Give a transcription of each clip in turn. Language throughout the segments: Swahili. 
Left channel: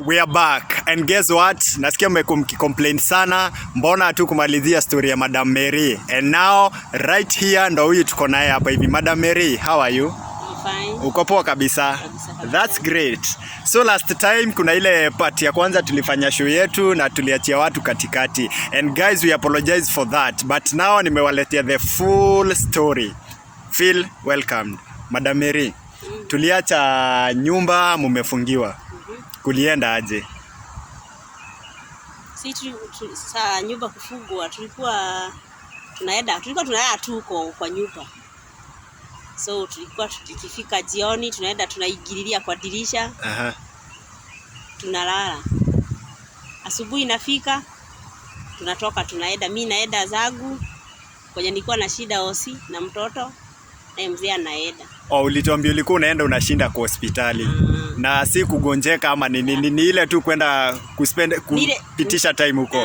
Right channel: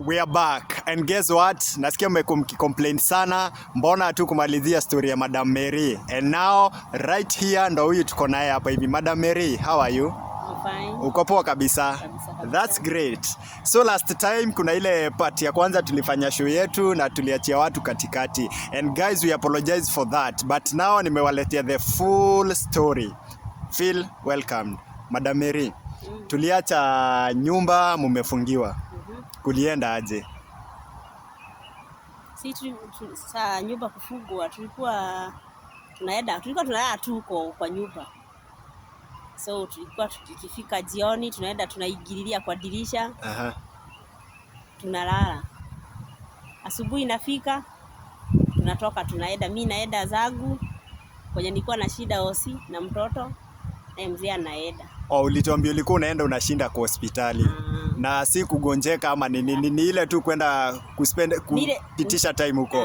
We are back and guess what? Nasikia mmecomplain sana, mbona tu kumalizia story ya Madam Mary. And now right here ndo huyu tuko naye hapa hivi. Madam Mary, how are you? Fine. Uko poa kabisa? That's great. So last time kuna ile part ya kwanza tulifanya show yetu na tuliachia watu katikati. And guys, we apologize for that. But now nimewaletea the full story. Feel welcomed. Madam Mary, tuliacha nyumba mumefungiwa. Kulienda aje? Sasa nyumba kufungwa tulikuwa tunaenda tuko kwa nyumba. So tulikuwa tukifika jioni tunaenda tunaingililia kwa dirisha. Tunalala. Asubuhi inafika tunatoka tunaenda, mimi naenda zangu kwenye nilikuwa na shida hosi na mtoto na mzee anaenda. Ulituambia ulikuwa unaenda unashinda kwa hospitali. Na si kugonjeka ama ni ile tu kwenda kupitisha time huko.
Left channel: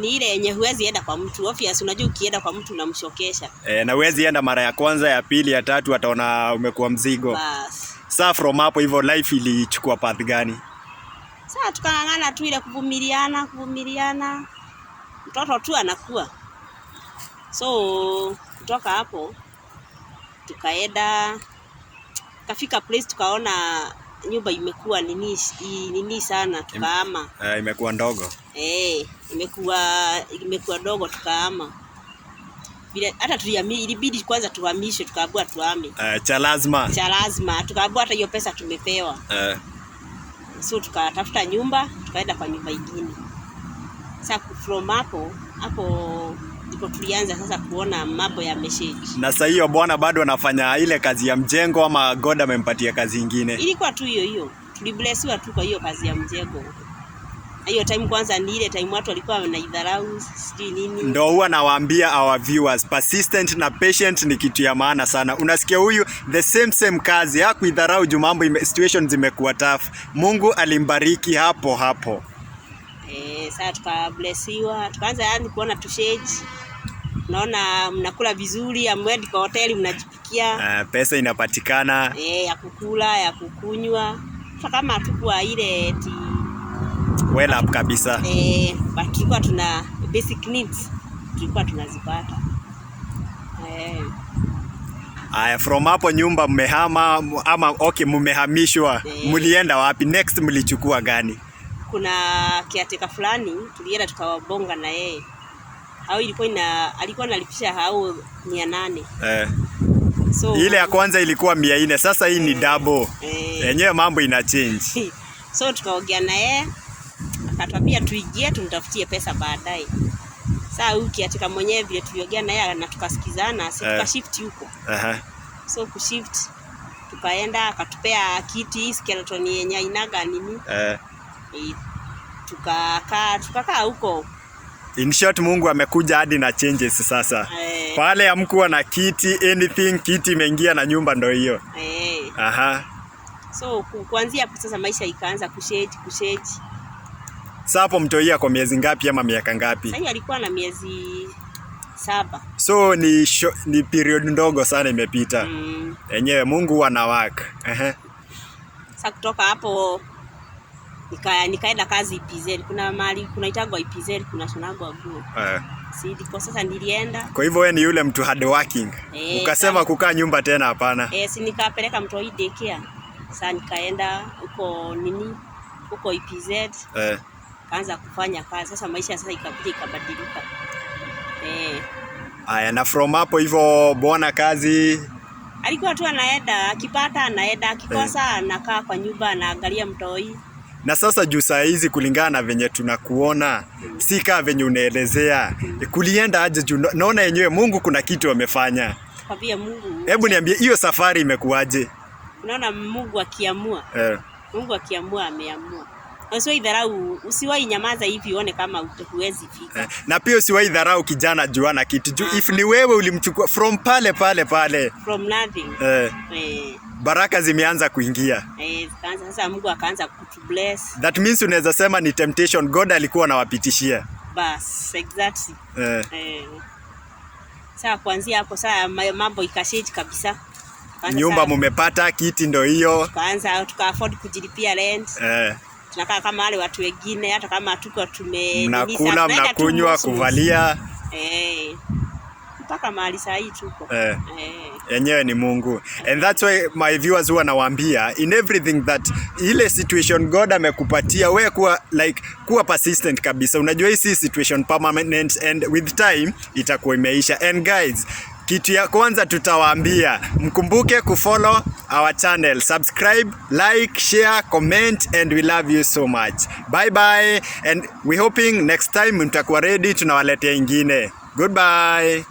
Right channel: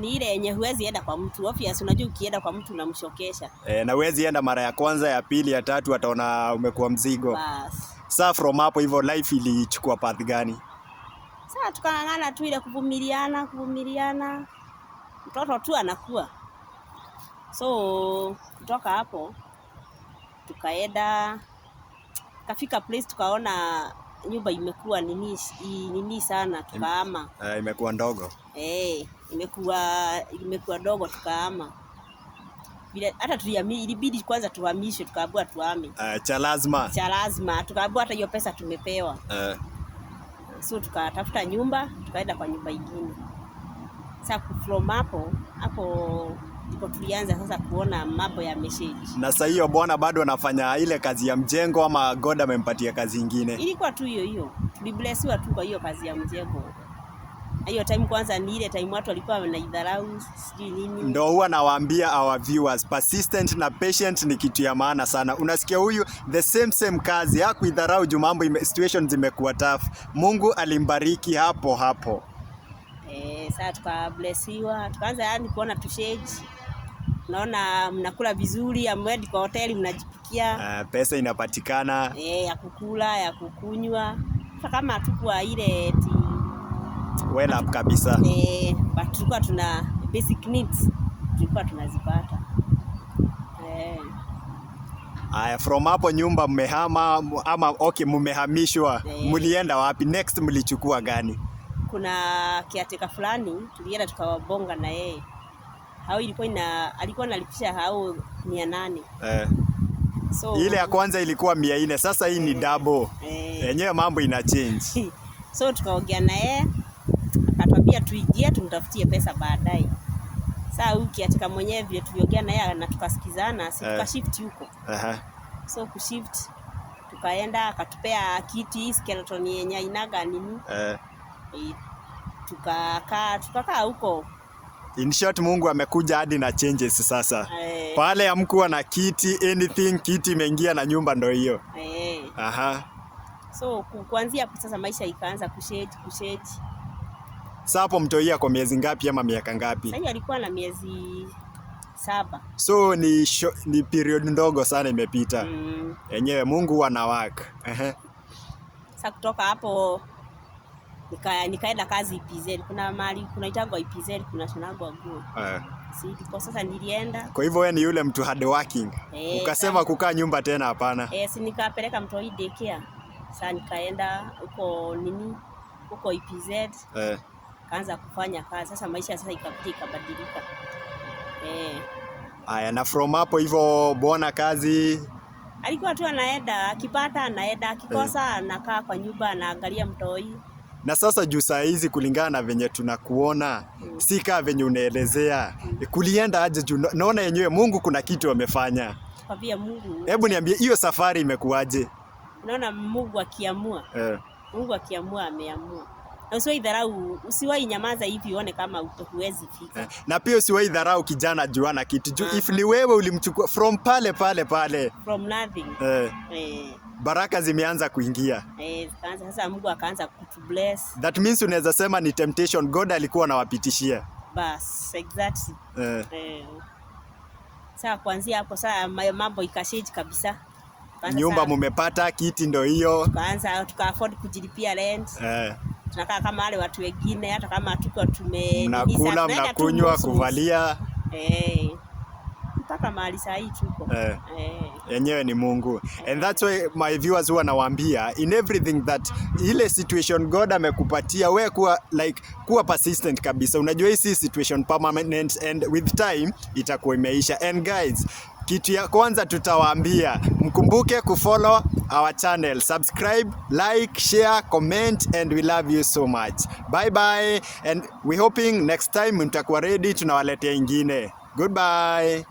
Ni ile yenye huwezi enda kwa mtu. Obvious, unajua ukienda kwa mtu unamshokesha. Na huwezi enda mara ya kwanza, ya pili, ya tatu ataona umekuwa mzigo. Bas. Sasa from hapo hivyo life ilichukua path gani? Sasa tukang'ang'ana tu ile kuvumiliana. Mtoto tu anakuwa. So kutoka hapo tukaenda kafika place tukaona nyumba imekuwa nini sana tukahama. Imekuwa ndogo. Imekuwa ndogo tukahama. Bila hata ilibidi kwanza tuhamishwe, tukaambiwa tuhame. Cha lazima tukaambiwa hata hiyo pesa tumepewa. So tukatafuta nyumba, tukaenda kwa nyumba nyingine. Sasa from hapo ndipo tulianza sasa kuona mambo ya message. Na sasa hiyo bwana bado anafanya ile kazi ya mjengo ama God amempatia kazi nyingine? Ilikuwa tu hiyo. Tuliblessiwa tu kwa hiyo kazi ya mjengo. Hiyo time kwanza ni ile time watu walikuwa wanaidharau, sijui nini. Ndio huwa nawaambia our viewers, persistent na patient ni kitu ya maana sana. Unasikia huyu the same kazi, hakuidharau juu mambo situation zimekuwa tough. Mungu alimbariki hapo. Sasa tukablessiwa, tukaanza yani kuona tushage. Naona mnakula vizuri, amwendi kwa hoteli mnajipikia. Pesa inapatikana. Ya kukula, ya kukunywa. Sasa kama tukua ile well up kabisa. But tulikuwa tuna basic needs tulikuwa tunazipata. From hapo nyumba mmehama ama mmehamishwa. Mlienda wapi? Next mlichukua gani? Kuna kiateka fulani tulienda tukawabonga na yeye. Hao alikuwa analipisha hao 800. So ile ya kwanza ilikuwa 400, sasa hii ni double. Yenyewe mambo ina change. So tukaongea na yeye, akatuambia tuingie tumtafutie pesa baadaye. Sasa huyu kiateka mwenyewe vile tuliongea na yeye na tukasikizana, tukashift huko. So kushift tukaenda akatupea kiti skeleton yenye inaga nini. Tukakaa huko. In short, Mungu amekuja hadi na changes sasa. Pale amkuwa na kiti anything, kiti imeingia na nyumba ndo hiyo. So kuanzia hapo sasa maisha ikaanza kushage. Sasa hapo mtoia kwa miezi ngapi ama miaka ngapi? Sasa alikuwa na miezi 7. So ni period ndogo sana imepita. Yenyewe Mungu ana work. Sasa kutoka hapo nikaenda kazi EPZ. Kuna mahali kunaitagwa EPZ, kuna shonagwa nguo. Kwa sasa nilienda. Kwa hivyo wewe ni yule mtu hard working. Ukasema kukaa nyumba tena hapana. Si nikapeleka mtu daycare. Sasa nikaenda huko EPZ. Kaanza kufanya kazi. Sasa maisha sasa ikabadilika. Na from hapo hivyo bwana kazi alikuwa tu anaenda, akipata anaenda, akikosa anakaa kwa nyumba anaangalia mtoi. Na sasa juu saa hizi kulingana na venye tunakuona, si kama venye unaelezea, kulienda aje juu naona yenyewe Mungu kuna kitu amefanya. Kwambia Mungu. Hebu niambie hiyo safari imekuaje? Unaona Mungu akiamua. Mungu akiamua ameamua. Usiwahi dharau, usiwahi nyamaza hivi uone kama huwezi fika. Na pia usiwahi dharau kijana juana kitu. Juu if ni wewe ulimchukua from pale. From nothing. Baraka zimeanza kuingia. Sasa Mungu akaanza kutubless. That means unaweza sema ni temptation God alikuwa anawapitishia. Bas, exactly. Sasa kuanzia hapo sasa mambo ikashange kabisa. Nyumba mumepata, kiti ndo hiyo. Tuka afford kujilipia rent. tunakaa kama wale watu wengine, hata kama hatuko mnakula, mnakunywa, kuvalia. Mpaka mahali saa hii tuko. Yenyewe ni Mungu. And that's why my viewers huwa nawaambia, in everything that ile situation God amekupatia, wewe kuwa persistent kabisa. Unajua hii si situation permanent, and with time itakuwa imeisha. And guys, kitu ya kwanza tutawaambia, mkumbuke kufollow our channel, subscribe, like, share, comment, and we love you so much. Bye bye, and we hoping next time mtakuwa ready tunawaletea ingine. Goodbye.